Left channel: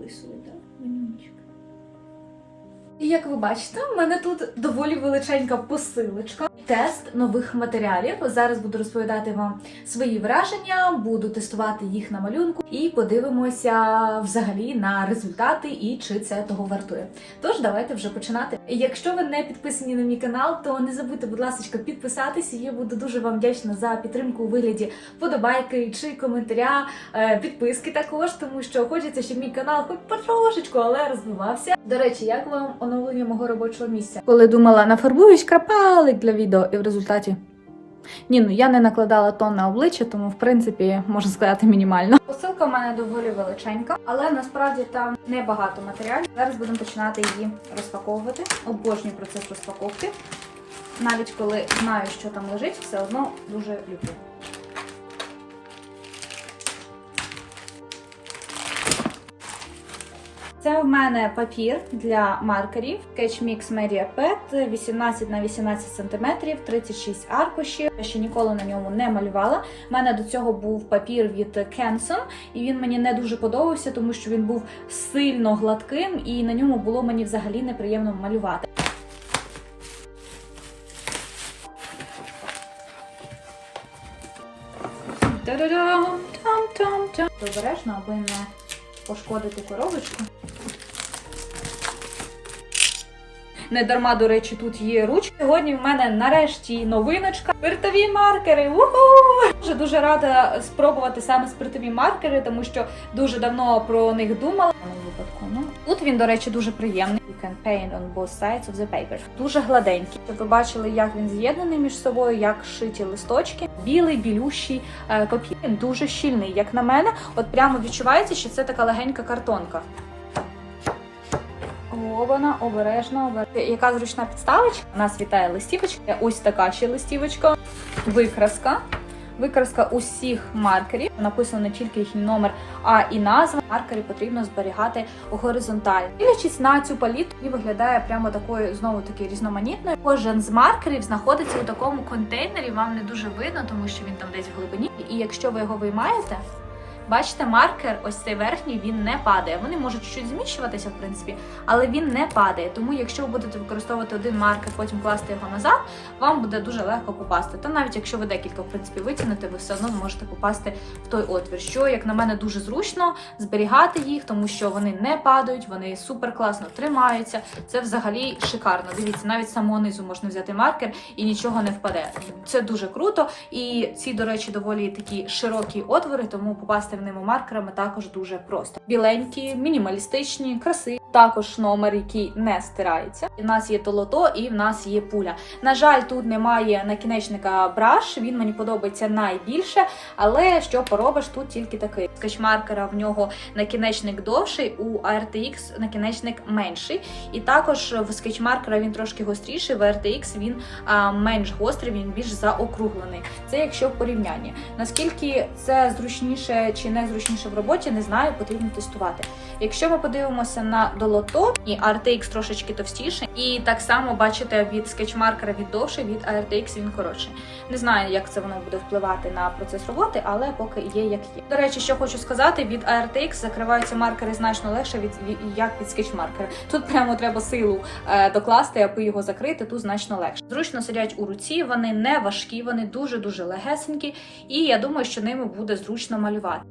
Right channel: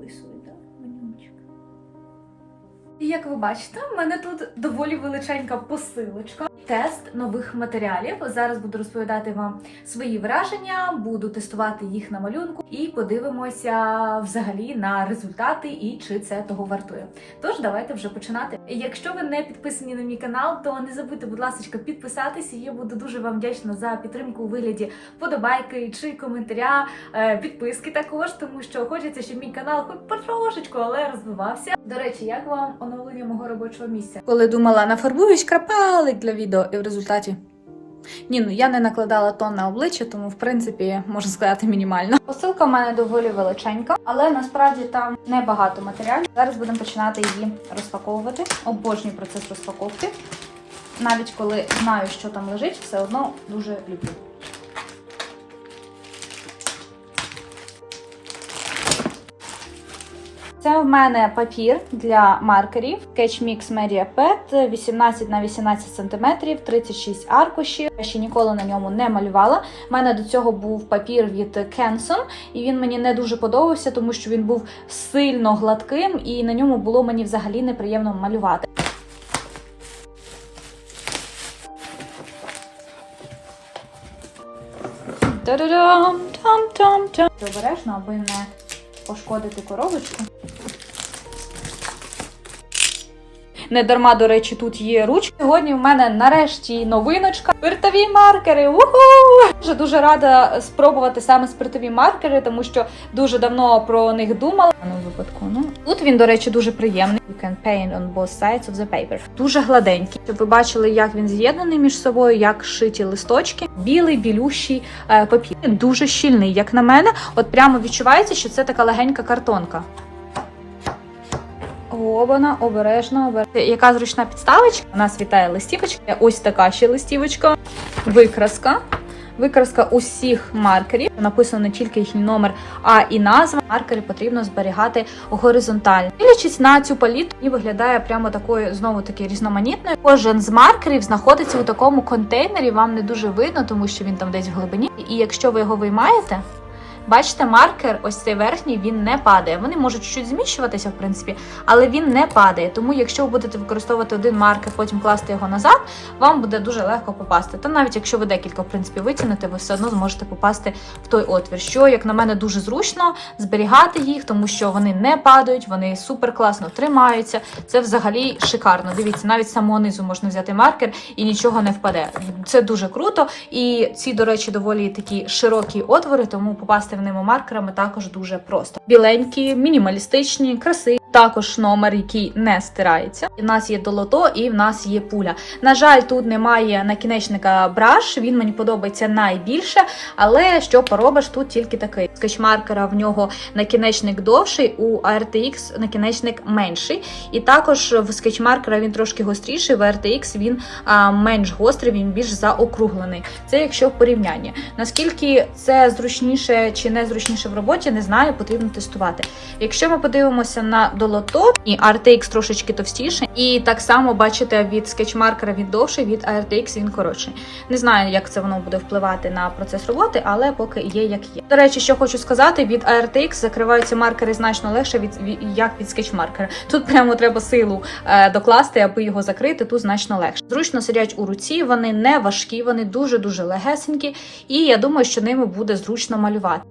відео записувати, так, Манюнчик? І як ви бачите, в мене тут доволі величенька посилочка. Тест нових матеріалів. Зараз буду розповідати вам свої враження, буду тестувати їх на малюнку і подивимося взагалі на результати і чи це того вартує. Тож давайте вже починати. Якщо ви не підписані на мій канал, то не забудьте, будь ласка, підписатися. Я буду дуже вам вдячна за підтримку у вигляді подобайки чи коментаря, е, підписки також, тому що хочеться, щоб мій канал хоч потрошечку, але розвивався. До речі, як вам оновлення мого робочого місця? Коли думала, нафарбуюсь крапалик для відео, і в результаті. Ні, ну я не накладала тон на обличчя, тому в принципі можна сказати мінімально. Посилка в мене доволі величенька, але насправді там небагато матеріалів. Зараз будемо починати її розпаковувати. Обожнюю процес розпаковки. Навіть коли знаю, що там лежить, все одно дуже люблю. Це в мене папір для маркерів Sketch Mix Media Pad 18 на 18 см, 36 аркушів. Я ще ніколи на ньому не малювала. У мене до цього був папір від Canson, і він мені не дуже подобався, тому що він був сильно гладким, і на ньому було мені взагалі неприємно малювати. Та-да-дам! Там-там-там. Обережно, аби не пошкодити коробочку. Не дарма, до речі, тут є ручки. Сьогодні в мене нарешті новиночка. Спиртові маркери. Уху! Дуже дуже рада спробувати саме спиртові маркери, тому що дуже давно про них думала. Тут він, до речі, дуже приємний. Can on both sides of the paper. Дуже гладенький. Щоб ви бачили, як він з'єднаний між собою, як шиті листочки. Білий, білющий е, папір. Дуже щільний, як на мене. От прямо відчувається, що це така легенька картонка. Вона обережно, обережно. Яка зручна підставочка? Нас вітає листівочка. Ось така ще листівочка. Викраска. Викраска усіх маркерів. Написано не тільки їхній номер, а і назва. Маркери потрібно зберігати горизонтально. Дивлячись на цю палітру, і виглядає прямо такою знову таки різноманітною. Кожен з маркерів знаходиться у такому контейнері. Вам не дуже видно, тому що він там десь в глибині. І якщо ви його виймаєте. Бачите, маркер, ось цей верхній, він не падає. Вони можуть чуть зміщуватися, в принципі, але він не падає. Тому, якщо ви будете використовувати один маркер, потім класти його назад, вам буде дуже легко попасти. Та навіть якщо ви декілька в принципі витягнете, ви все одно зможете попасти в той отвір. Що, як на мене, дуже зручно зберігати їх, тому що вони не падають, вони супер класно тримаються. Це взагалі шикарно. Дивіться, навіть самого низу можна взяти маркер і нічого не впаде. Це дуже круто. І ці, до речі, доволі такі широкі отвори, тому попасти в ними маркерами також дуже просто. Біленькі, мінімалістичні, красиві. Також номер, який не стирається. У нас є долото і в нас є пуля. На жаль, тут немає накінечника браш. Він мені подобається найбільше, але що поробиш, тут тільки такий. Скетчмаркера в нього накінечник довший, у RTX накінечник менший. І також в скетчмаркера він трошки гостріший, в RTX він а, менш гострий, він більш заокруглений. Це якщо в порівнянні. Наскільки це зручніше чи не зручніше в роботі, не знаю, потрібно тестувати. Якщо ми подивимося на долото, і RTX трошечки товстіше, і так само бачите від скетчмаркера він довший, від RTX він коротший. Не знаю, як це воно буде впливати на процес роботи, але поки є як є. До речі, що хочу сказати, від RTX закриваються маркери значно легше від, від як від скетчмаркера. Тут прямо треба силу е, докласти, аби його закрити. Тут значно легше. Зручно сидять у руці, вони не важкі, вони дуже дуже легесенькі, і я думаю, що ними буде зручно малювати.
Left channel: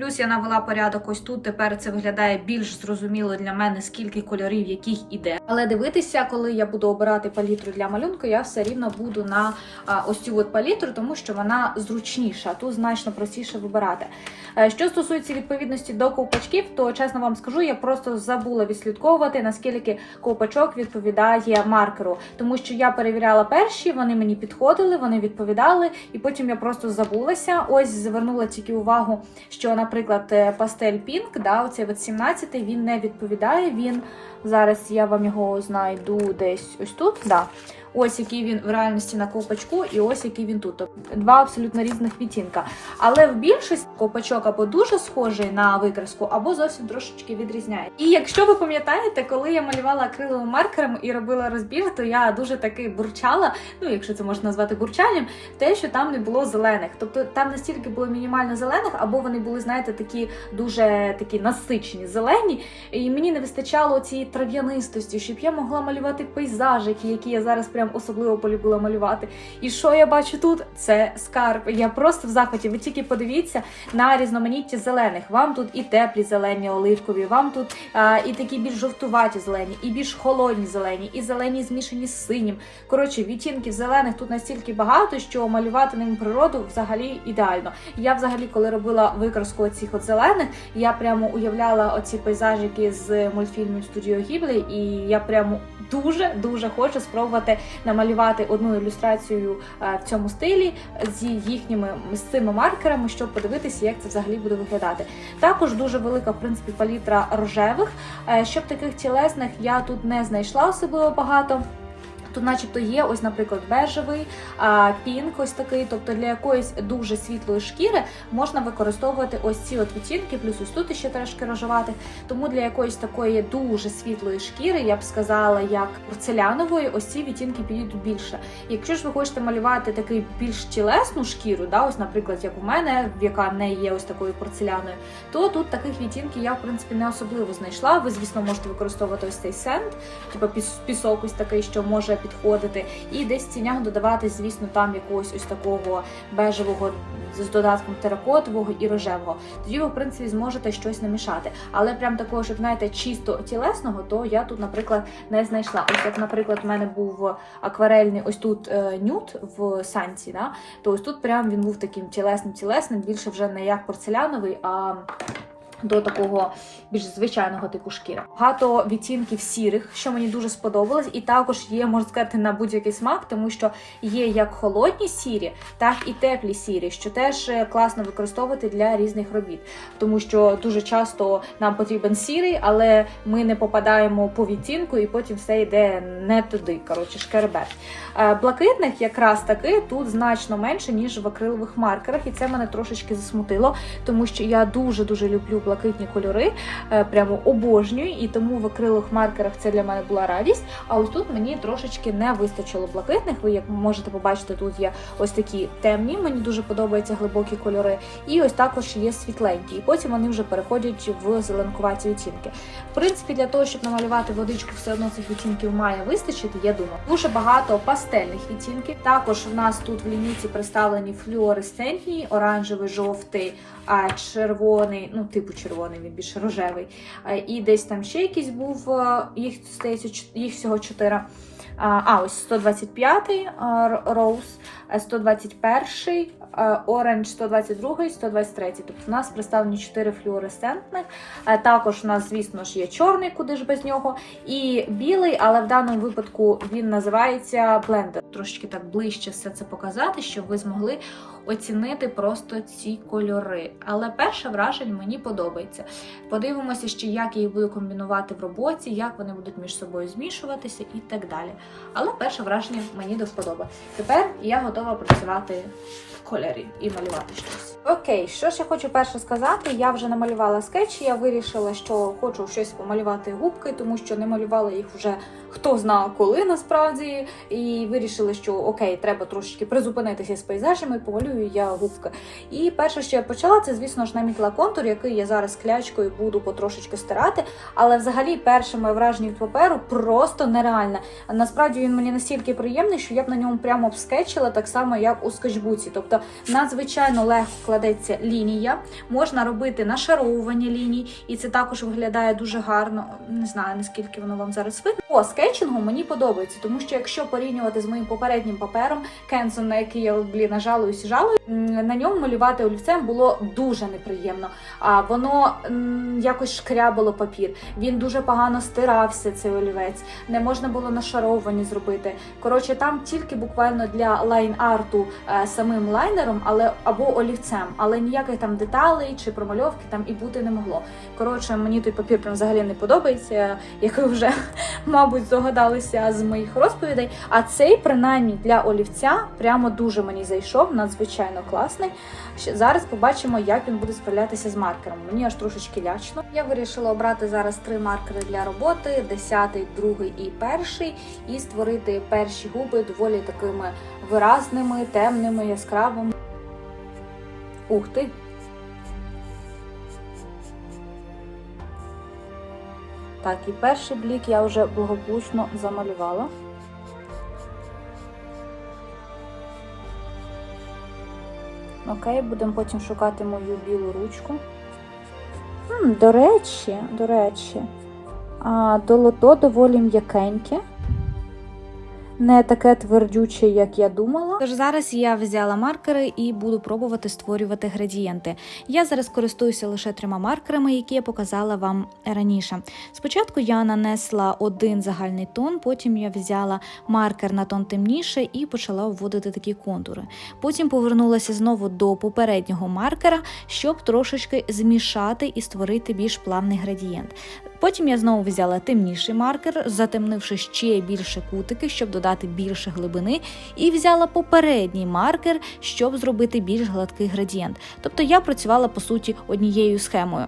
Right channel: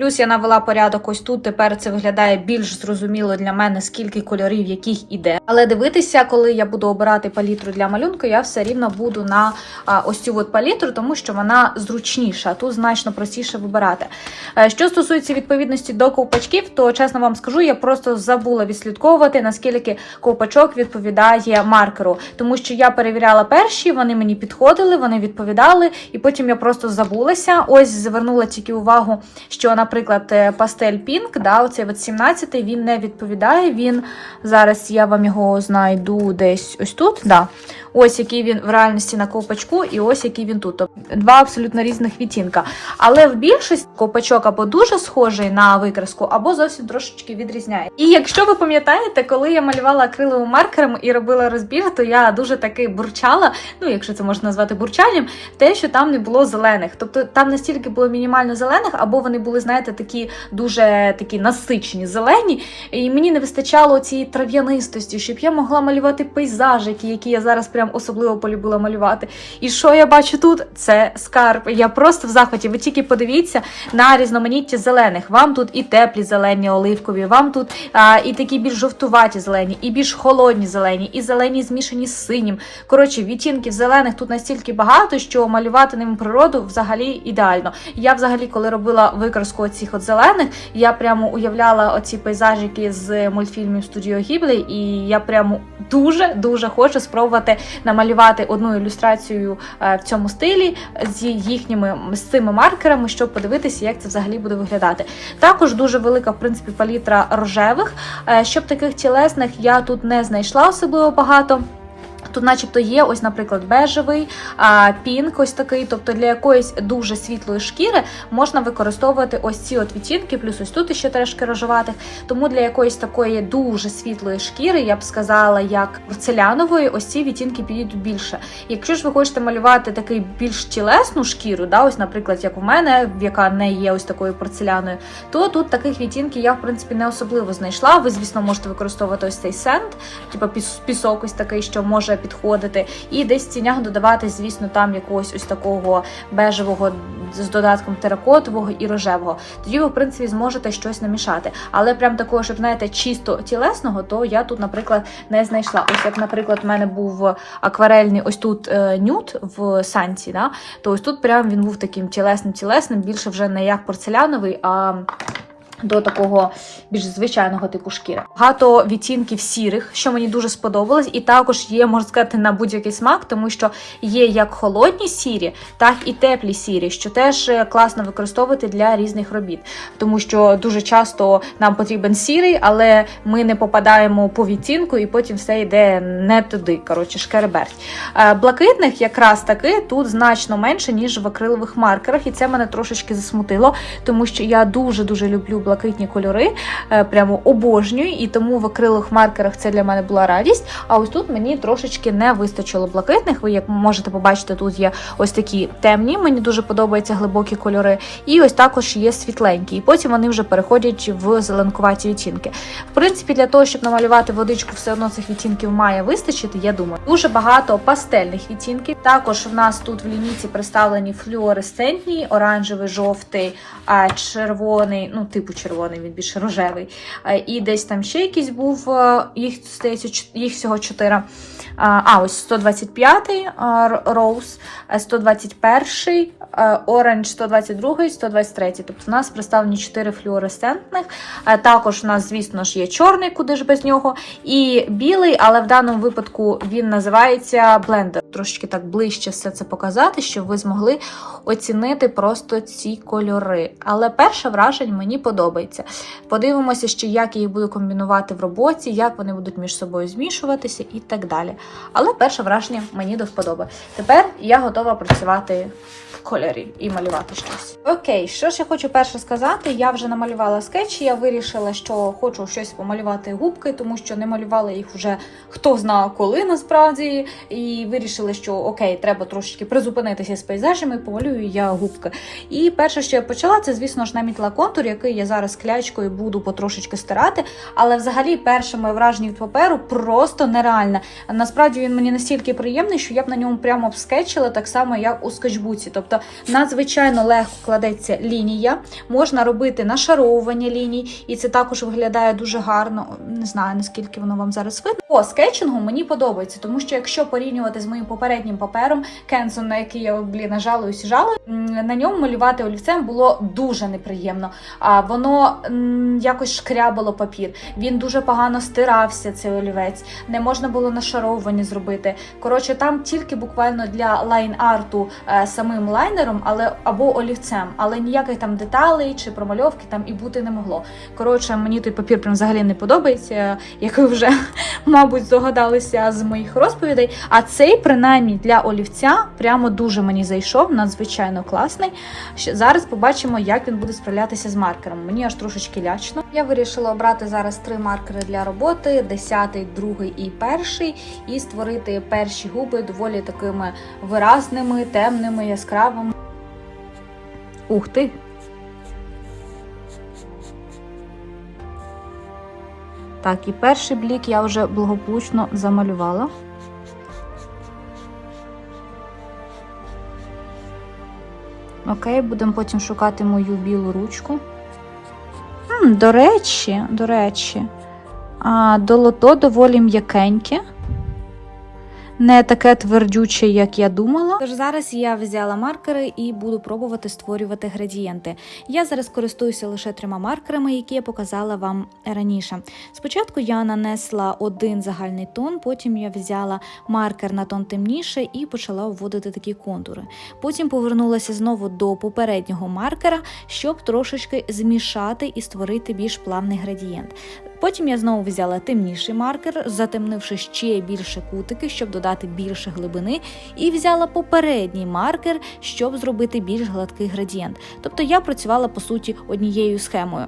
Плюс я навела порядок ось тут. Тепер це виглядає більш зрозуміло для мене, скільки кольорів яких іде. Але дивитися, коли я буду обирати палітру для малюнку, я все рівно буду на ось цю от палітру, тому що вона зручніша, тут значно простіше вибирати. Е, Що стосується відповідності до ковпачків, то чесно вам скажу, я просто забула відслідковувати, наскільки ковпачок відповідає маркеру, тому що я перевіряла перші, вони мені підходили, вони відповідали, і потім я просто забулася. Ось звернула тільки увагу, що на наприклад, е, пастель Pink, да, оцей от 17 він не відповідає. Він зараз я вам його знайду десь ось тут. Да. Ось який він в реальності на ковпачку, і ось який він тут. Тобто два абсолютно різних відтінка. Але в більшості ковпачок або дуже схожий на викраску, або зовсім трошечки відрізняє. І якщо ви пам'ятаєте, коли я малювала акриловим маркером і робила розбір, то я дуже таки бурчала, ну якщо це можна назвати бурчанням, те, що там не було зелених. Тобто там настільки було мінімально зелених, або вони були, знаєте, такі дуже такі насичені зелені. І мені не вистачало цієї трав'янистості, щоб я могла малювати пейзажики, які я зараз прям особливо полюбила малювати. І що я бачу тут? Це скарб. Я просто в захваті. Ви тільки подивіться на різноманіття зелених. Вам тут і теплі зелені оливкові, вам тут а, і такі більш жовтуваті зелені, і більш холодні зелені, і зелені змішані з синім. Коротше, відтінків зелених тут настільки багато, що малювати ним природу взагалі ідеально. Я взагалі, коли робила викраску оцих от зелених, я прямо уявляла оці пейзажики з мультфільмів студіо Гіблі, і я прямо дуже дуже хочу спробувати намалювати одну ілюстрацію е, в цьому стилі з їхніми з цими маркерами, щоб подивитися, як це взагалі буде виглядати. Також дуже велика, в принципі, палітра рожевих. Е, Щоб таких тілесних я тут не знайшла особливо багато. Тут, начебто, є ось, наприклад, бежевий, а, пінк, ось такий. Тобто для якоїсь дуже світлої шкіри можна використовувати ось ці от відтінки, плюс ось тут ще трошки рожеватих. Тому для якоїсь такої дуже світлої шкіри, я б сказала, як порцелянової, ось ці відтінки підійдуть більше. Якщо ж ви хочете малювати такий більш тілесну шкіру, да, ось, наприклад, як у мене, яка не є ось такою порцеляною, то тут таких відтінків я в принципі не особливо знайшла. Ви, звісно, можете використовувати ось цей сенд, типу пісок ось такий, що може підходити. І десь в тінях додавати, звісно, там якогось ось такого бежевого з додатком теракотового і рожевого. Тоді ви, в принципі, зможете щось намішати. Але прям такого, щоб знаєте, чисто тілесного, то я тут, наприклад, не знайшла. Ось як, наприклад, в мене був акварельний ось тут е, нюд в санці, да? то ось тут прям він був таким тілесним тілесним, більше вже не як порцеляновий, а до такого більш звичайного типу шкіри. Багато відтінків сірих, що мені дуже сподобалось, і також є, можна сказати, на будь-який смак, тому що є як холодні сірі, так і теплі сірі, що теж е, класно використовувати для різних робіт, тому що дуже часто нам потрібен сірий, але ми не попадаємо по відтінку, і потім все йде не туди. Коротше, шкереберть. Е, Блакитних якраз таки тут значно менше ніж в акрилових маркерах, і це мене трошечки засмутило, тому що я дуже дуже люблю блакитні кольори, прямо обожнюю, і тому в акрилових маркерах це для мене була радість. А ось тут мені трошечки не вистачило блакитних. Ви як можете побачити, тут є ось такі темні. Мені дуже подобаються глибокі кольори, і ось також є світленькі. І потім вони вже переходять в зеленкуваті відтінки. В принципі, для того, щоб намалювати водичку, все одно цих відтінків має вистачити. Я думаю, дуже багато пастельних відтінків. Також у нас тут в лінійці представлені флюоресцентні, оранжевий, жовтий, червоний, ну типу червоний, він більше рожевий. А, І десь там ще якийсь був, е, їх здається, їх всього чотири. А, ось 125-й Роуз, 121-й, Оранж 122-й, 123-й. Тобто в нас представлені 4 флюоресцентних. Е, Також у нас, звісно ж, є чорний, куди ж без нього, і білий, але в даному випадку він називається блендер. Трошечки так ближче все це показати, щоб ви змогли оцінити просто ці кольори. Але перше враження мені подобається. Подивимося ще, як я їх буду комбінувати в роботі, як вони будуть між собою змішуватися і так далі. Але перше враження мені до вподоби. Тепер я готова працювати кольорі і малювати щось. Окей, що ж я хочу перше сказати? Я вже намалювала скетчі. Я вирішила, що хочу щось помалювати губки, тому що не малювала їх вже хто знає коли насправді. І вирішили, що окей, треба трошечки призупинитися з пейзажами, помалюю я губки. І перше, що я почала, це, звісно ж, намітила контур, який я зараз клячкою буду потрошечки стирати. Але взагалі перше моє враження від паперу просто нереальне. Насправді він мені настільки приємний, що я б на ньому прямо обскетчила, так само, як у скетчбуці. Тобто надзвичайно легко кладеться лінія, можна робити нашаровування ліній, і це також виглядає дуже гарно. Не знаю наскільки воно вам зараз видно. По скетчингу мені подобається, тому що якщо порівнювати з моїм попереднім папером, Кенсон, на який я блін, жалуюсь жалую, на ньому малювати олівцем було дуже неприємно. А воно якось шкрябало папір. Він дуже погано стирався, цей олівець. Не можна було нашаровування зробити. Коротше, там тільки буквально для лайн-арту е, самим лайнером але або олівцем, але ніяких там деталей чи промальовки там і бути не могло. Коротше, мені той папір прям взагалі не подобається, як ви вже, мабуть, здогадалися з моїх розповідей. А цей, принаймні, для олівця прямо дуже мені зайшов, надзвичайно класний. Зараз побачимо, як він буде справлятися з маркером. Мені аж трошечки лячно. Я вирішила обрати зараз три маркери для роботи: 10, 2 і перший, і створити перші губи доволі такими виразними, темними, яскравими. Ух ти! Так, і перший блік я вже благополучно замалювала. Окей, будемо потім шукати мою білу ручку. До речі, до речі, долото доволі м'якеньке. Не таке твердюче, як я думала. Тож зараз я взяла маркери і буду пробувати створювати градієнти. Я зараз користуюся лише трьома маркерами, які я показала вам раніше. Спочатку я нанесла один загальний тон, потім я взяла маркер на тон темніше і почала вводити такі контури. Потім повернулася знову до попереднього маркера, щоб трошечки змішати і створити більш плавний градієнт. Потім я знову взяла темніший маркер, затемнивши ще більше кутики, щоб додати більше глибини, і взяла попередній маркер, щоб зробити більш гладкий градієнт. Тобто я працювала по суті однією схемою.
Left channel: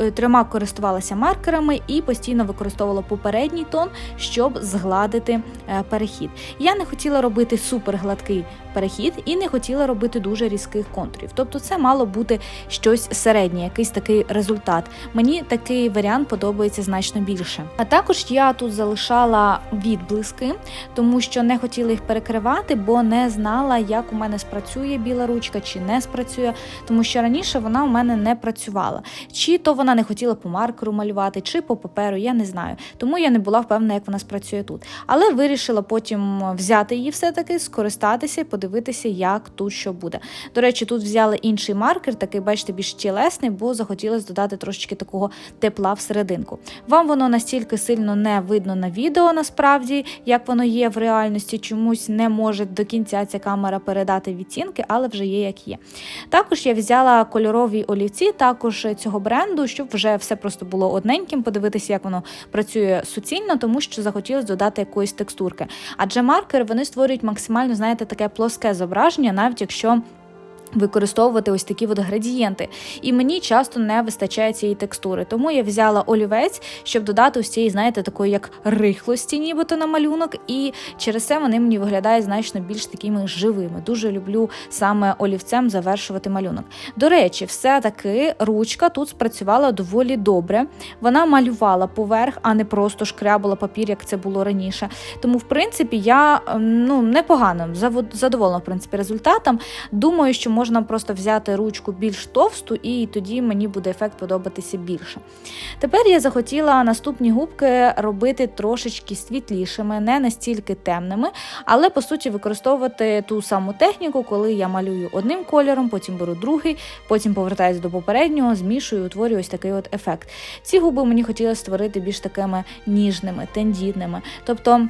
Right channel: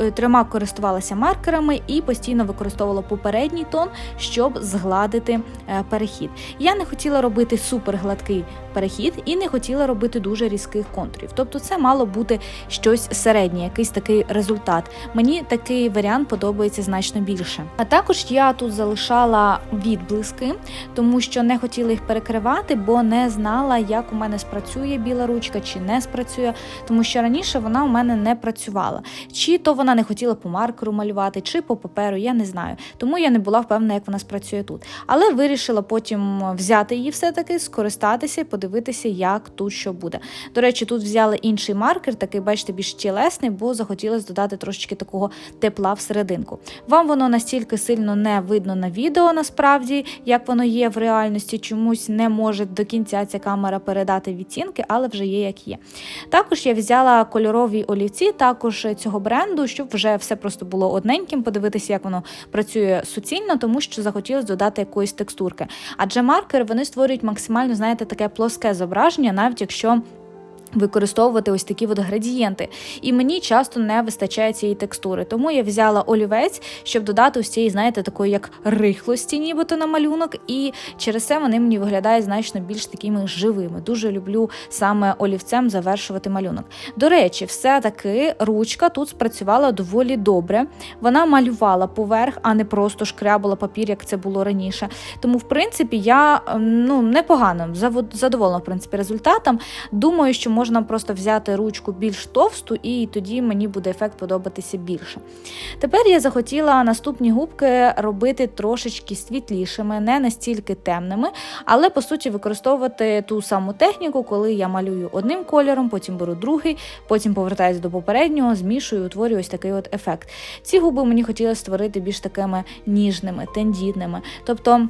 Е, Трьома користувалася маркерами і постійно використовувала попередній тон, щоб згладити е, перехід. Я не хотіла робити супер гладкий перехід і не хотіла робити дуже різких контурів. Тобто, це мало бути щось середнє, якийсь такий результат. Мені такий варіант подобається значно більше. А також я тут залишала відблиски, тому що не хотіла їх перекривати, бо не знала, як у мене спрацює біла ручка чи не спрацює, тому що раніше вона у мене не працювала. Чи то вона не хотіла по маркеру малювати, чи по паперу, я не знаю. Тому я не була впевнена, як вона спрацює тут. Але вирішила потім взяти її все-таки, скористатися і подивитися, як тут що буде. До речі, тут взяли інший маркер, такий, бачите, більш тілесний, бо захотілося додати трошечки такого тепла всерединку. Вам воно настільки сильно не видно на відео, насправді, як воно є в реальності, чомусь не може до кінця ця камера передати відтінки, але вже є як є. Також я взяла кольорові олівці, також цього бренду, щоб вже все просто було одненьким, подивитися, як воно працює суцільно, тому що захотілося додати якоїсь текстурки. Адже маркери вони створюють максимально, знаєте, таке плоске зображення, навіть якщо. Використовувати ось такі от градієнти, і мені часто не вистачає цієї текстури. Тому я взяла олівець, щоб додати ось цієї, знаєте, такої як рихлості, нібито на малюнок, і через це вони мені виглядають значно більш такими живими. Дуже люблю саме олівцем завершувати малюнок. До речі, все-таки ручка тут спрацювала доволі добре. Вона малювала поверх, а не просто шкрябала папір, як це було раніше. Тому, в принципі, я ем, ну непогано задоволена в принципі результатом. Думаю, що можна просто взяти ручку більш товсту, і тоді мені буде ефект подобатися більше. Тепер я захотіла наступні губки робити трошечки світлішими, не настільки темними, але по суті використовувати ту саму техніку, коли я малюю одним кольором, потім беру другий, потім повертаюся до попереднього, змішую, утворюю ось такий от ефект. Ці губи мені хотілося створити більш такими ніжними, тендітними. Тобто.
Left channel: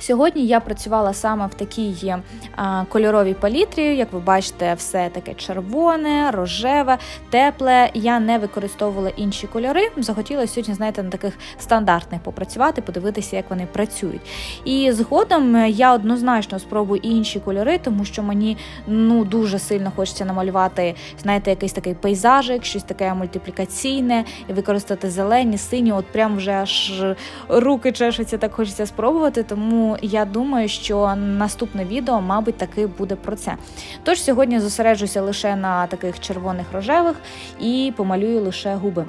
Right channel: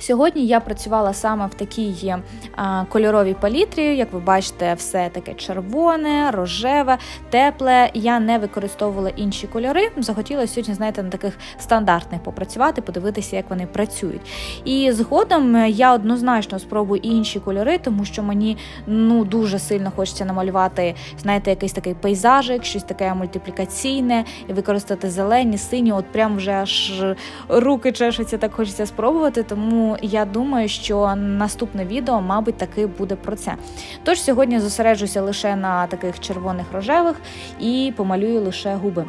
Сьогодні я працювала саме в такій а, кольоровій палітрі. Як ви бачите, все таке червоне, рожеве, тепле. Я не використовувала інші кольори. Захотіла сьогодні, знаєте, на таких стандартних попрацювати, подивитися, як вони працюють. І згодом я однозначно спробую інші кольори, тому що мені ну дуже сильно хочеться намалювати, знаєте, якийсь такий пейзажик, щось таке мультиплікаційне, і використати зелені, сині. От прям вже аж руки чешуться, так хочеться спробувати. Тому я думаю, що наступне відео, мабуть, таки буде про це. Тож сьогодні зосереджуся лише на таких червоних рожевих і помалюю лише губи.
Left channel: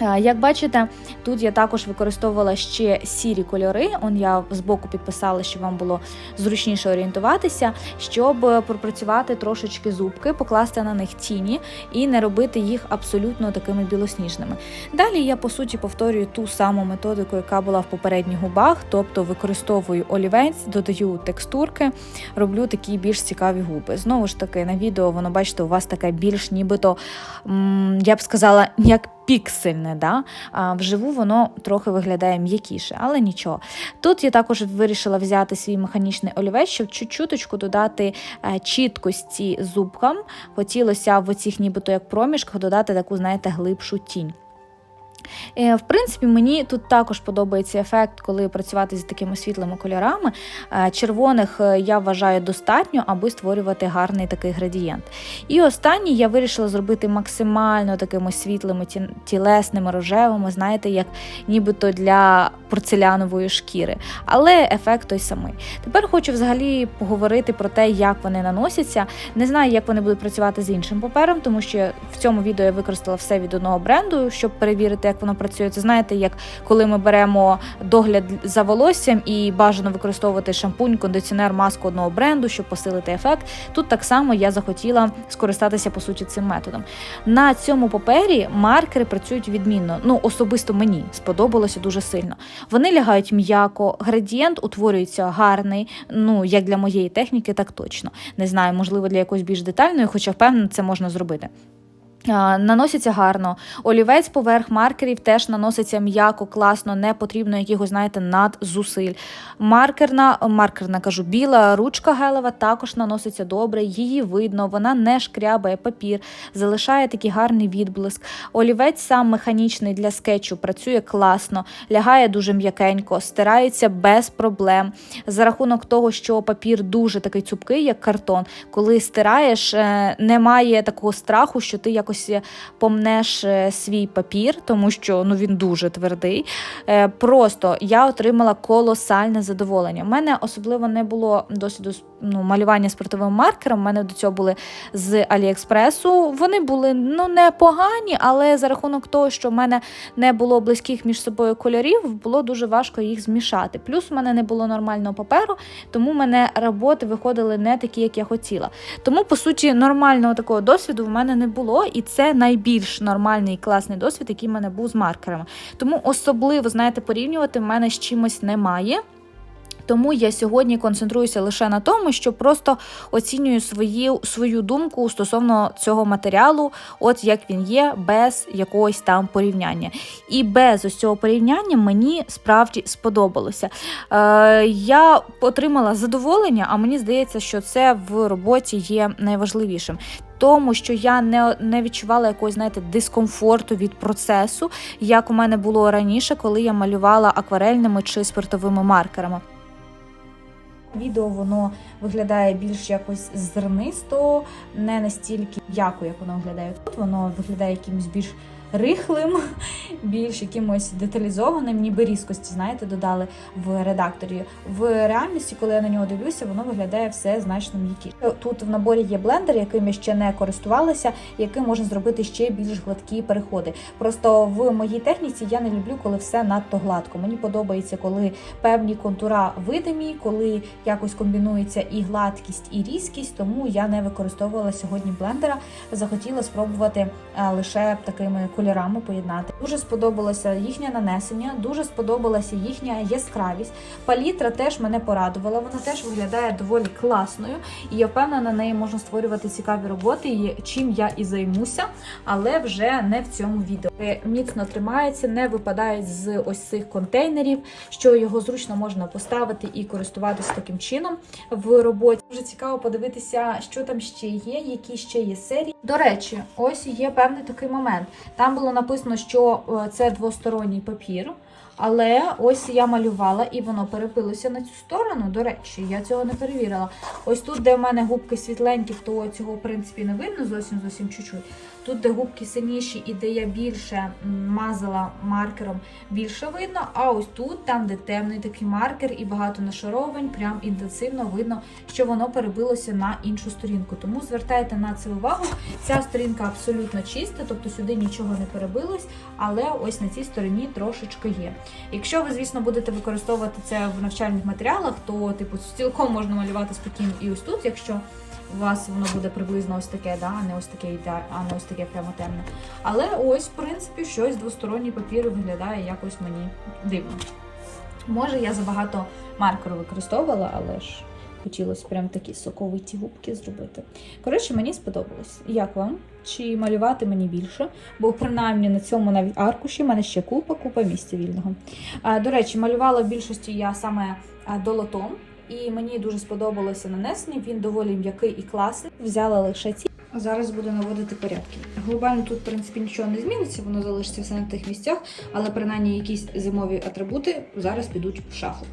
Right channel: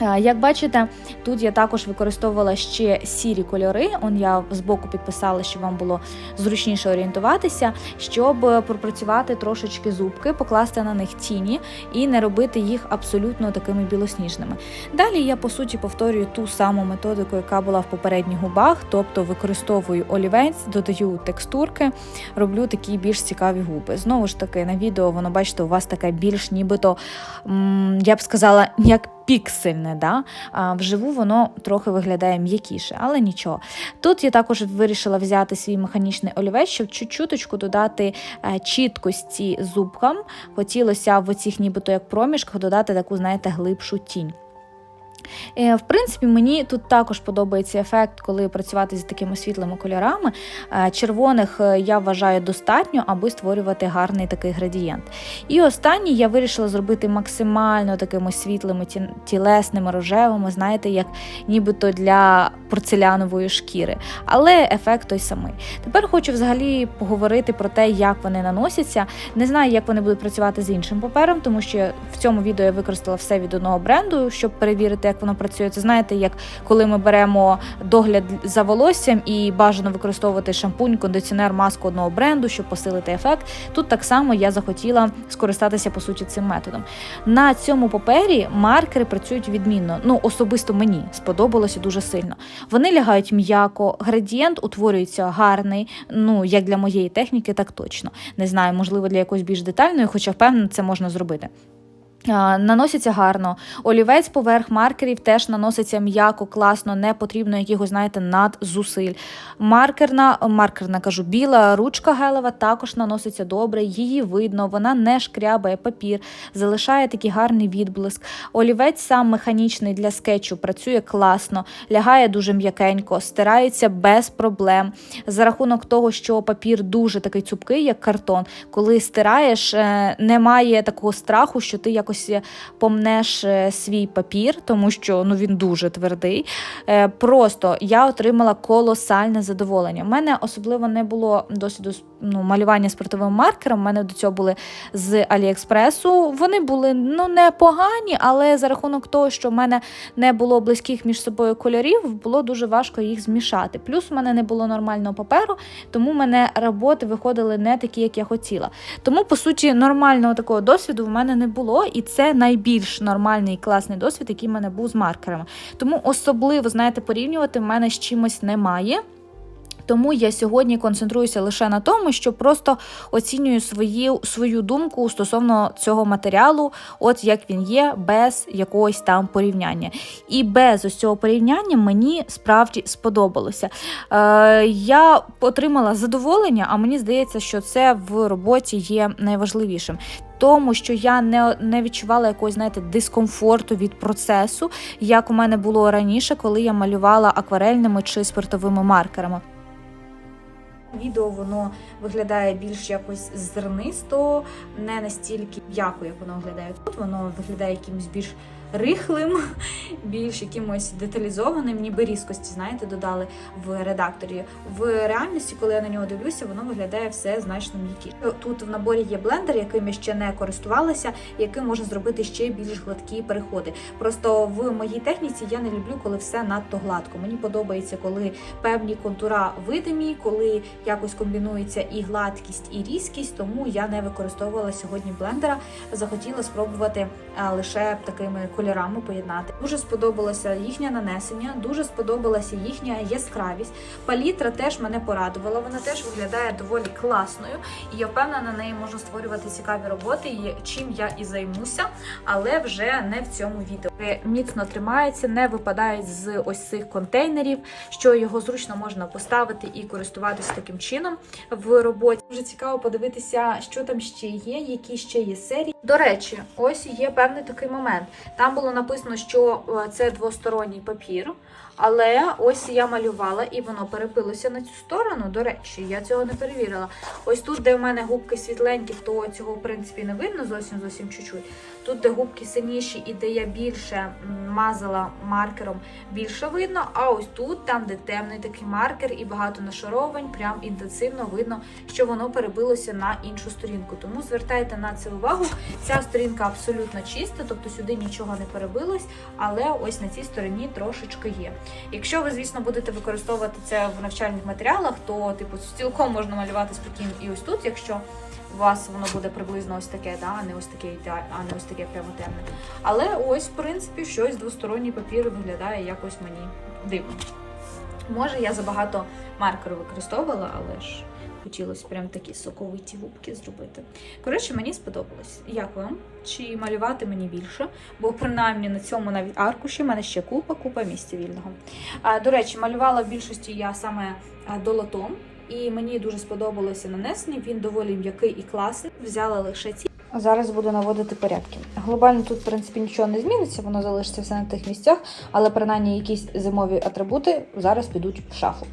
Як бачите, тут я також використовувала ще сірі кольори. Он я збоку підписала, щоб вам було зручніше орієнтуватися, щоб пропрацювати трошечки зубки, покласти на них тіні і не робити їх абсолютно такими білосніжними. Далі я по суті повторюю ту саму методику, яка була в попередніх губах, тобто використовую олівець, додаю текстурки, роблю такі більш цікаві губи. Знову ж таки, на відео воно бачите, у вас таке більш нібито, я б сказала, як піксельне. Да? А вживу воно трохи виглядає м'якіше, але нічого. Тут я також вирішила взяти свій механічний олівець, щоб чуть-чуточку додати е, чіткості зубкам. Хотілося в оцих нібито як проміжках додати таку, знаєте, глибшу тінь. Е, В принципі, мені тут також подобається ефект, коли працювати з такими світлими кольорами. Е, Червоних е, я вважаю достатньо, аби створювати гарний такий градієнт. І останній я вирішила зробити максимально такими світлими, тілесними, рожевими, знаєте, як нібито для порцелянової шкіри. Але ефект той самий. Тепер хочу взагалі поговорити про те, як вони наносяться. Не знаю, як вони будуть працювати з іншим папером, тому що в цьому відео я використала все від одного бренду, щоб перевірити, як воно працює. Це знаєте, як коли ми беремо догляд за волоссям і бажано використовувати шампунь, кондиціонер, маску одного бренду, щоб посилити ефект. Тут так само я захотіла скористатися по суті цим методом. На цьому папері маркери працюють відмінно. Ну особисто мені сподобалося дуже сильно. Вони лягають м'яко, градієнт утворюється гарний. Ну як для моєї техніки, так точно. Не знаю, можливо, для якоїсь більш детальної, хоча впевнена, це можна зробити. Наноситься гарно. Олівець поверх маркерів теж наноситься м'яко, класно, не потрібно якихось, знаєте, надзусиль. Маркерна, маркерна кажу, біла ручка гелева також наноситься добре, її видно, вона не шкрябає папір, залишає такий гарний відблиск. Олівець сам механічний для скетчу працює класно, лягає дуже м'якенько, стирається без проблем. За рахунок того, що папір дуже такий цупкий, як картон, коли стираєш, е, немає такого страху, що ти якось помнеш е, свій папір, тому що ну він дуже твердий. Е, Просто я отримала колосальне задоволення. У мене особливо не було досвіду ну, малювання спиртовим маркером. У мене до цього були з Аліекспресу. Вони були ну непогані, але за рахунок того, що в мене не було близьких між собою кольорів, було дуже важко їх змішати. Плюс у мене не було нормального паперу, тому в мене роботи виходили не такі, як я хотіла. Тому, по суті, нормального такого досвіду в мене не було, і це найбільш нормальний і класний досвід, який в мене був з маркерами. Тому особливо, знаєте, порівнювати в мене з чимось немає. Тому я сьогодні концентруюся лише на тому, що просто оцінюю свої, свою думку стосовно цього матеріалу, от як він є, без якогось там порівняння. І без ось цього порівняння мені справді сподобалося. Е, я отримала задоволення, а мені здається, що це в роботі є найважливішим. Тому що я не, не відчувала якогось, знаєте, дискомфорту від процесу, як у мене було раніше, коли я малювала акварельними чи спиртовими маркерами. Відео воно виглядає більш якось зернисто, не настільки м'яко, як воно виглядає тут. Воно виглядає якимось більш рихлим, більш якимось деталізованим, ніби різкості, знаєте, додали в редакторі. В реальності, коли я на нього дивлюся, воно виглядає все значно м'якіше. Тут в наборі є блендер, яким я ще не користувалася, яким можна зробити ще більш гладкі переходи. Просто в моїй техніці я не люблю, коли все надто гладко. Мені подобається, коли певні контура видимі, коли якось комбінується і гладкість, і різкість. Тому я не використовувала сьогодні блендера. Захотіла спробувати е, лише такими кольорами поєднати. Дуже сподобалося їхнє нанесення, дуже сподобалася їхня яскравість. Палітра теж мене порадувала. Вона теж виглядає доволі класною, і я впевнена, на неї можна створювати цікаві роботи, чим я і займуся, але вже не в цьому відео. Міцно тримається, не випадають з ось цих контейнерів, що його зручно можна поставити і користуватися таким чином в роботі. Дуже цікаво подивитися, що там ще є, які ще є серії. До речі, ось є певний такий момент. Там було написано, що е, це двосторонній папір. Але ось я малювала і воно перепилося на цю сторону. До речі, я цього не перевірила. Ось тут, де в мене губки світленькі, то цього в принципі не видно зовсім зовсім чуть-чуть. Тут, де губки синіші і де я більше мазала маркером, більше видно. А ось тут, там, де темний такий маркер і багато нашаровань, прям інтенсивно видно, що воно перебилося на іншу сторінку. Тому звертайте на це увагу. Ця сторінка абсолютно чиста, тобто сюди нічого не перебилось, але ось на цій стороні трошечки є. Якщо ви, звісно, будете використовувати це в навчальних матеріалах, то типу цілком можна малювати спокійно і ось тут, якщо у вас воно буде приблизно ось таке, да, а не ось таке а не ось таке прямо темне. Але ось, в принципі, щось двосторонній папір виглядає якось мені дивно. Може, я забагато маркеру використовувала, але ж Хотілося прям такі соковиті губки зробити. Коротше, мені сподобалось. Як вам? Чи малювати мені більше? Бо принаймні на цьому навіть аркуші в мене ще купа, купа місця вільного. А, до речі, малювала в більшості я саме долотом, і мені дуже сподобалося нанесення. Він доволі м'який і класний. Взяла лише ці. Зараз буду наводити порядки. Глобально тут, в принципі, нічого не зміниться, воно залишиться все на тих місцях, але принаймні якісь зимові атрибути зараз підуть в шафу.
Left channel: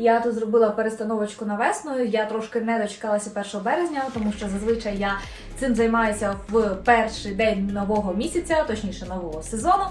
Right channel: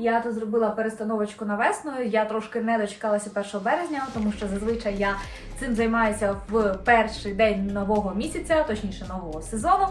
Я тут зробила перестановочку на весну. Я трошки не дочекалася 1 березня, тому що зазвичай я цим займаюся в перший день нового місяця, точніше нового сезону.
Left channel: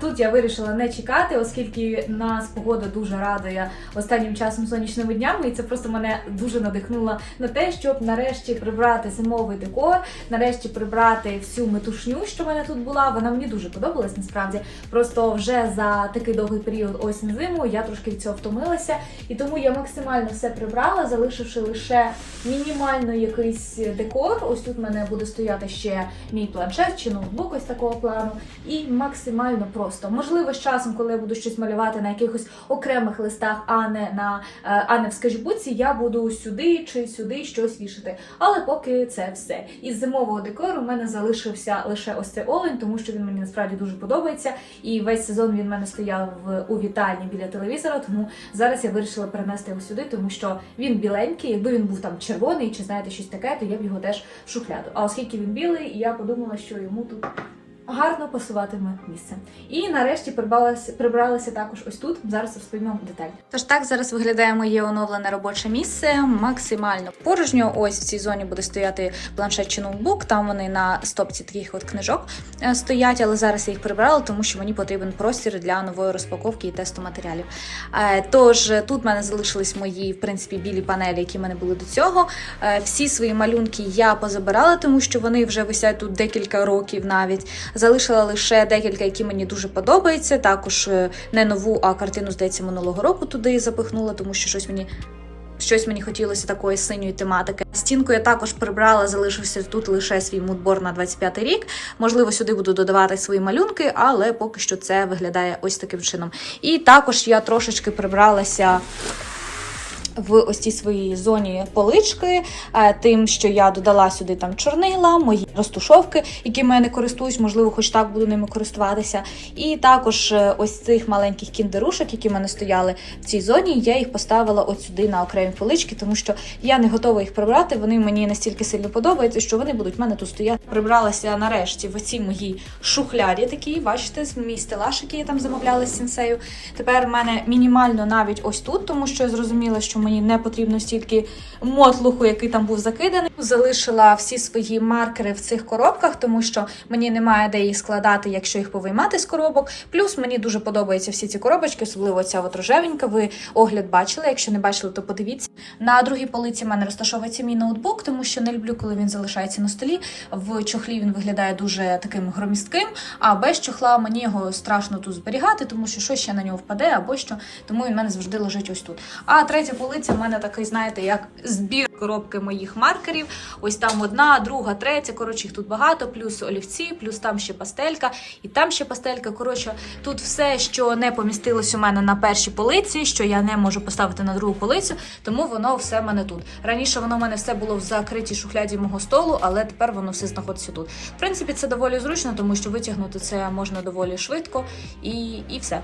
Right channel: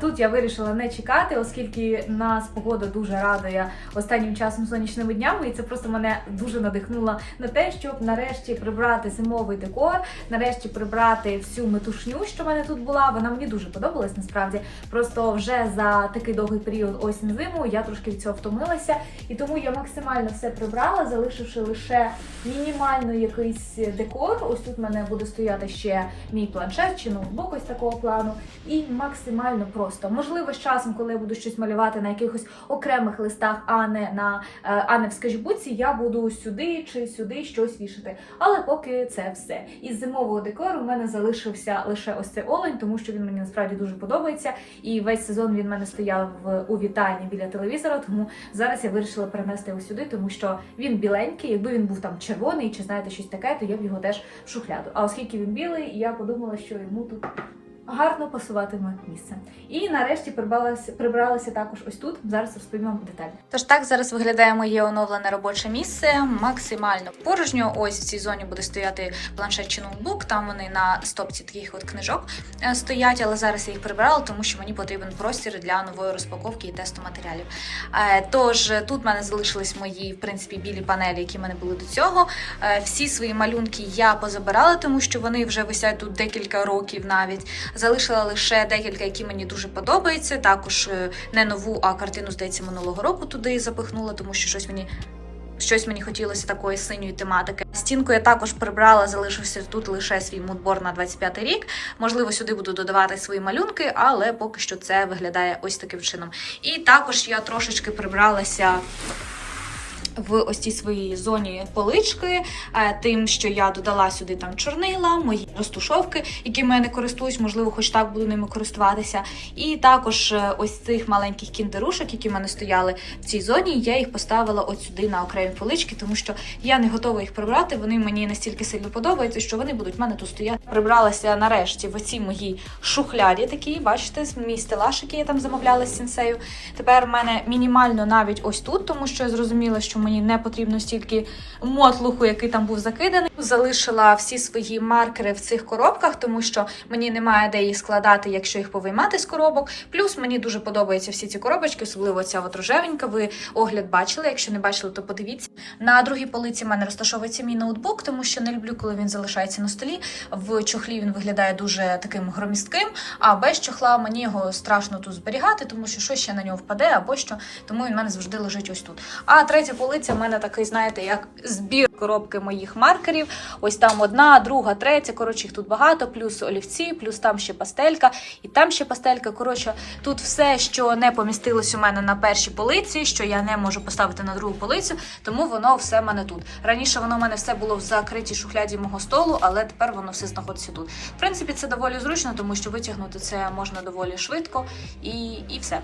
Тут я вирішила не чекати, оскільки нас погода дуже радує останнім часом сонячними днями, і це просто мене дуже надихнуло на те, щоб нарешті прибрати зимовий декор, нарешті прибрати всю метушню, що в мене тут була. Вона мені дуже подобалась насправді. Просто вже за такий довгий період осінь-зиму я трошки від цього втомилася. І тому я максимально все прибрала, залишивши лише мінімально якийсь декор. Ось тут в мене буде стояти ще мій планшет чи ноутбук ось такого плану. І максимально просто. Можливо, з часом, коли я буду щось малювати на якихось окремих листах, а не на е, а не в скетчбуці, я буду сюди чи сюди щось вішати. Але поки це все. Із зимового декору в мене залишився лише ось цей олень, тому що він мені насправді дуже подобається. І весь сезон він в мене стояв у вітальні біля телевізора. Тому зараз я вирішила перенести його сюди, тому що він біленький. Якби він був там червоний чи знаєте щось таке, то я б його теж в шухляду. А оскільки він білий, я подумала, що йому тут. Гарно пасуватиме місце. І нарешті прибралася, прибралася також ось тут. Зараз розповім вам детально. Тож так зараз виглядає моє оновлене робоче місце. Максимально порожньо. Ось в цій зоні буде стояти планшет чи ноутбук. Там вони на стопці таких от книжок е, стоять, але зараз я їх прибрала, тому що мені потрібен простір для нової розпаковки і тесту матеріалів. Е, Тож е, тут в мене залишились мої, в принципі, білі панелі, які в мене були до цього. Всі свої малюнки я позабирала, тому що вони вже висять тут декілька років навіть. Залишила лише декілька, які мені дуже подобаються. Також е, не нову, а картину, здається, минулого року туди запихнула, тому що щось мені. Щось мені хотілося такої синьої тематики. Стінку я також прибрала, залишився тут лише свій мудбор на 25 рік. Можливо, сюди буду додавати свої малюнки, але поки що це виглядає ось таким чином. І також я трошечки прибралася в ось цій своїй зоні полички, е, тим, що я додала сюди там чорнила, мої розтушовки, якими я не користуюсь, можливо, хоч так буду ними користуватися. І також е, ось цих маленьких кіндерушок, які в мене стояли в цій зоні, я їх поставила от сюди на окремі полички, тому що я не готова їх прибрати. Вони мені настільки сильно подобаються, що вони будуть в мене тут стояти. Прибралася нарешті в оцій моїй шухляді такі, бачите, мій стелаж, який я там замовляла з сінсею. Тепер в мене мінімально навіть ось тут, тому що я зрозуміла, що мені не потрібно стільки мотлуху, який там був закиданий. Залишила всі свої маркери в цих коробках, тому що мені немає де їх складати, якщо їх повиймати з коробок. Плюс мені дуже подобаються всі ці коробочки, особливо ця от рожевенька. Ви огляд бачили. Якщо не бачили, то подивіться. На другій полиці в мене розташовується мій ноутбук, тому що не люблю, коли він залишається на столі. В чохлі він виглядає дуже таким громістким, а без чохла мені його страшно тут зберігати, тому що щось ще на нього впаде або що. Тому він в мене завжди лежить ось тут. А третя полиця в мене такий, знаєте, як збір коробки моїх маркерів. Ось там одна, друга, третя. Коротше, їх тут багато, плюс олівці, плюс там ще пастелька, і там ще пастелька. Коротше, тут все, що не помістилось у мене на першій полиці, що я не можу поставити на другу полицю, тому воно все в мене тут. Раніше воно в мене все було в закритій шухляді мого столу, але тепер воно все знаходиться тут. В принципі, це доволі зручно, тому що витягнути це можна доволі швидко і, і все.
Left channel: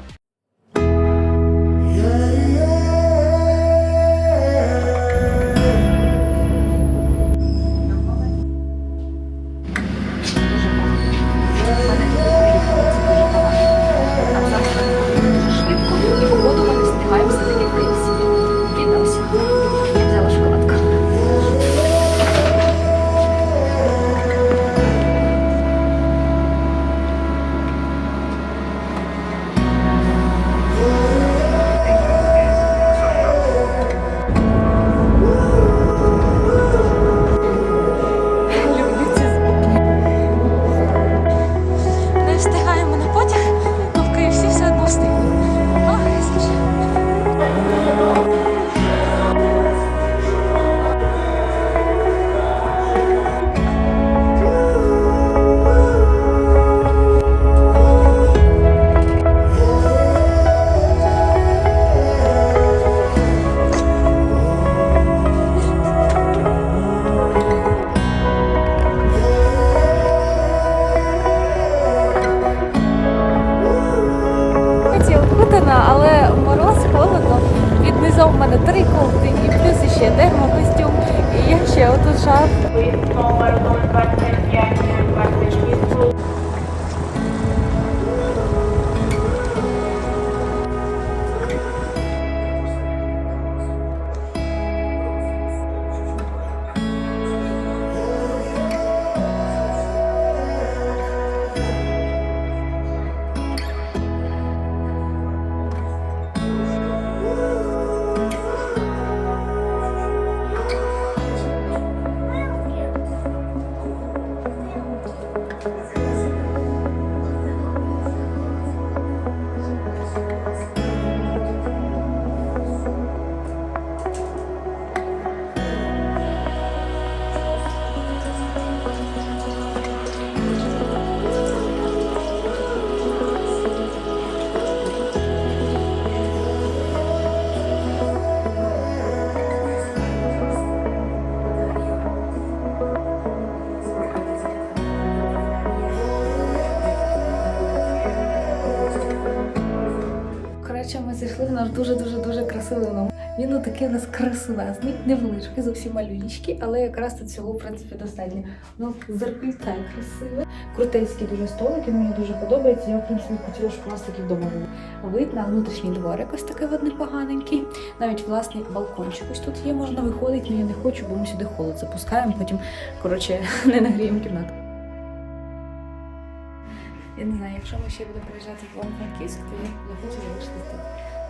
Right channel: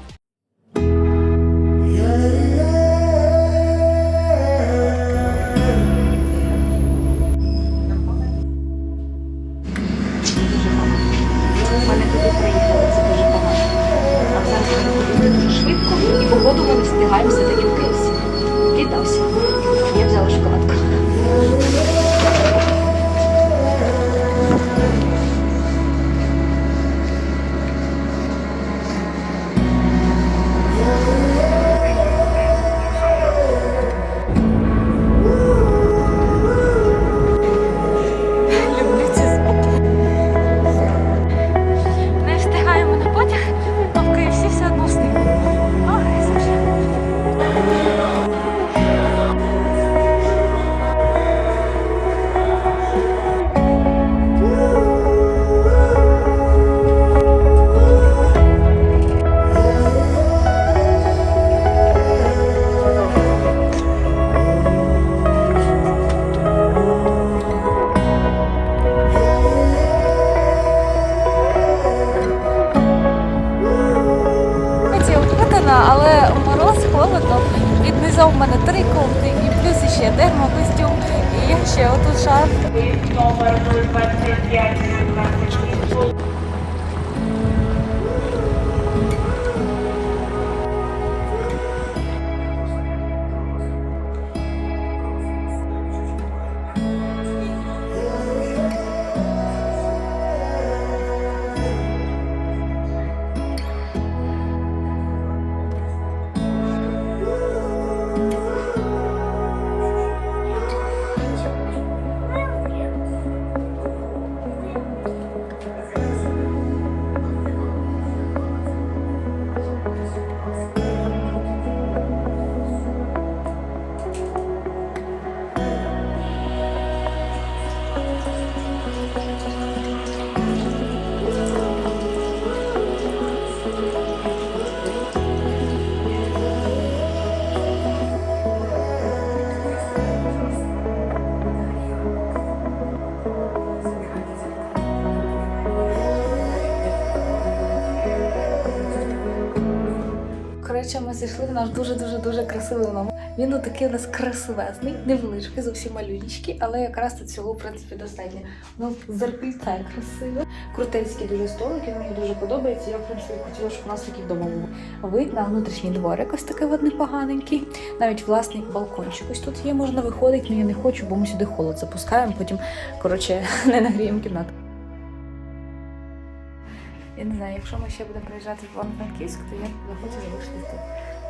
Віднизав в мене три кофти і плюс ще термокостюм. І я ще отут шарф. номер 025 026 зайшли наш дуже-дуже дуже красивий номер. Він такий у нас красивезний, невеличкий, зовсім малюнічкий, але якраз тут цього, в принципі, достатньо. У нас зеркальце красиве, крутецький дуже столик, він мені дуже подобається. Я, в принципі, хотіла, щоб у нас такий вдома був. Вид на внутрішній дворик ось такий от непоганенький. Навіть власний балкончик ось тут є, можна виходити, але я не хочу, бо ми сюди холод запускаємо, потім, коротше, не нагріємо кімнату. Не знаю, якщо ми ще будемо приїжджати в Івано-Франківськ, то я захочу залишити тут.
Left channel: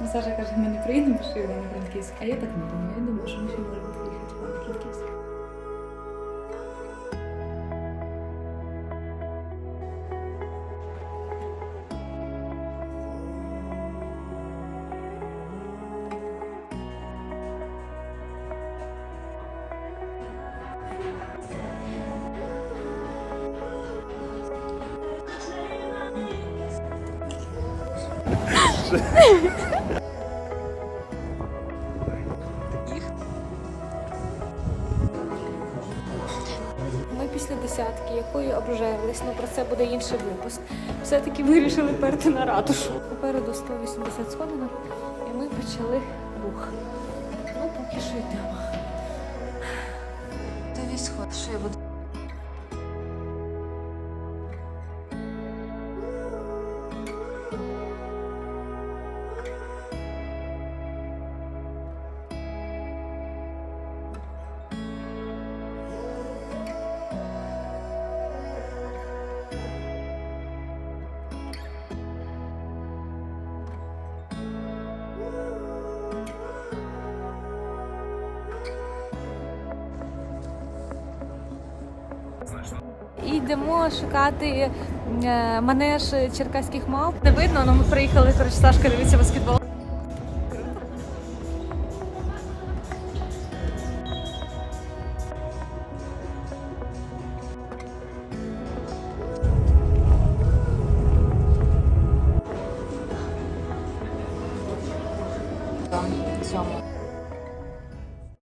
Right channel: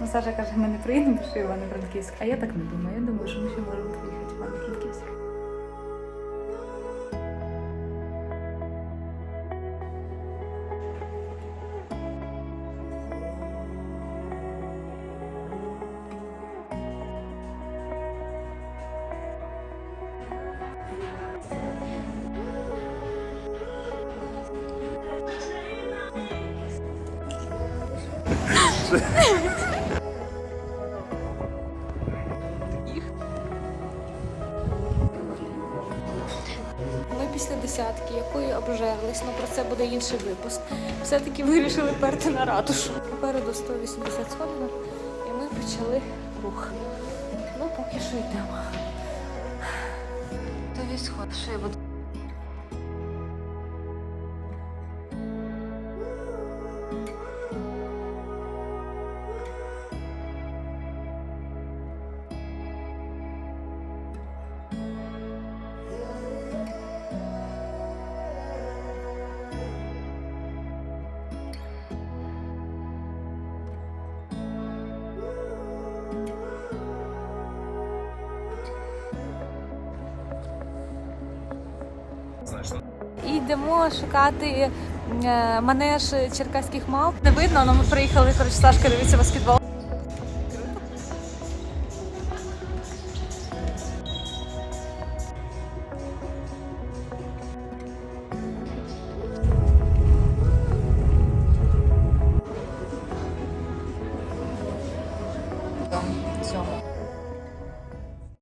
Ну, Саша каже, ми не приїдемо що Івано-Франківськ, а я так не думаю. Я думаю, що ми ще можемо приїхати буде інший випуск. Все-таки вирішили перти на ратушу. Попереду 180 сходинок, і ми почали рух. Ну, поки що йдемо. Тобі сход, що я буду. І йдемо шукати е, манеж черкаських мав. Не видно, але ми приїхали, коротше, Сашка дивиться баскетбол.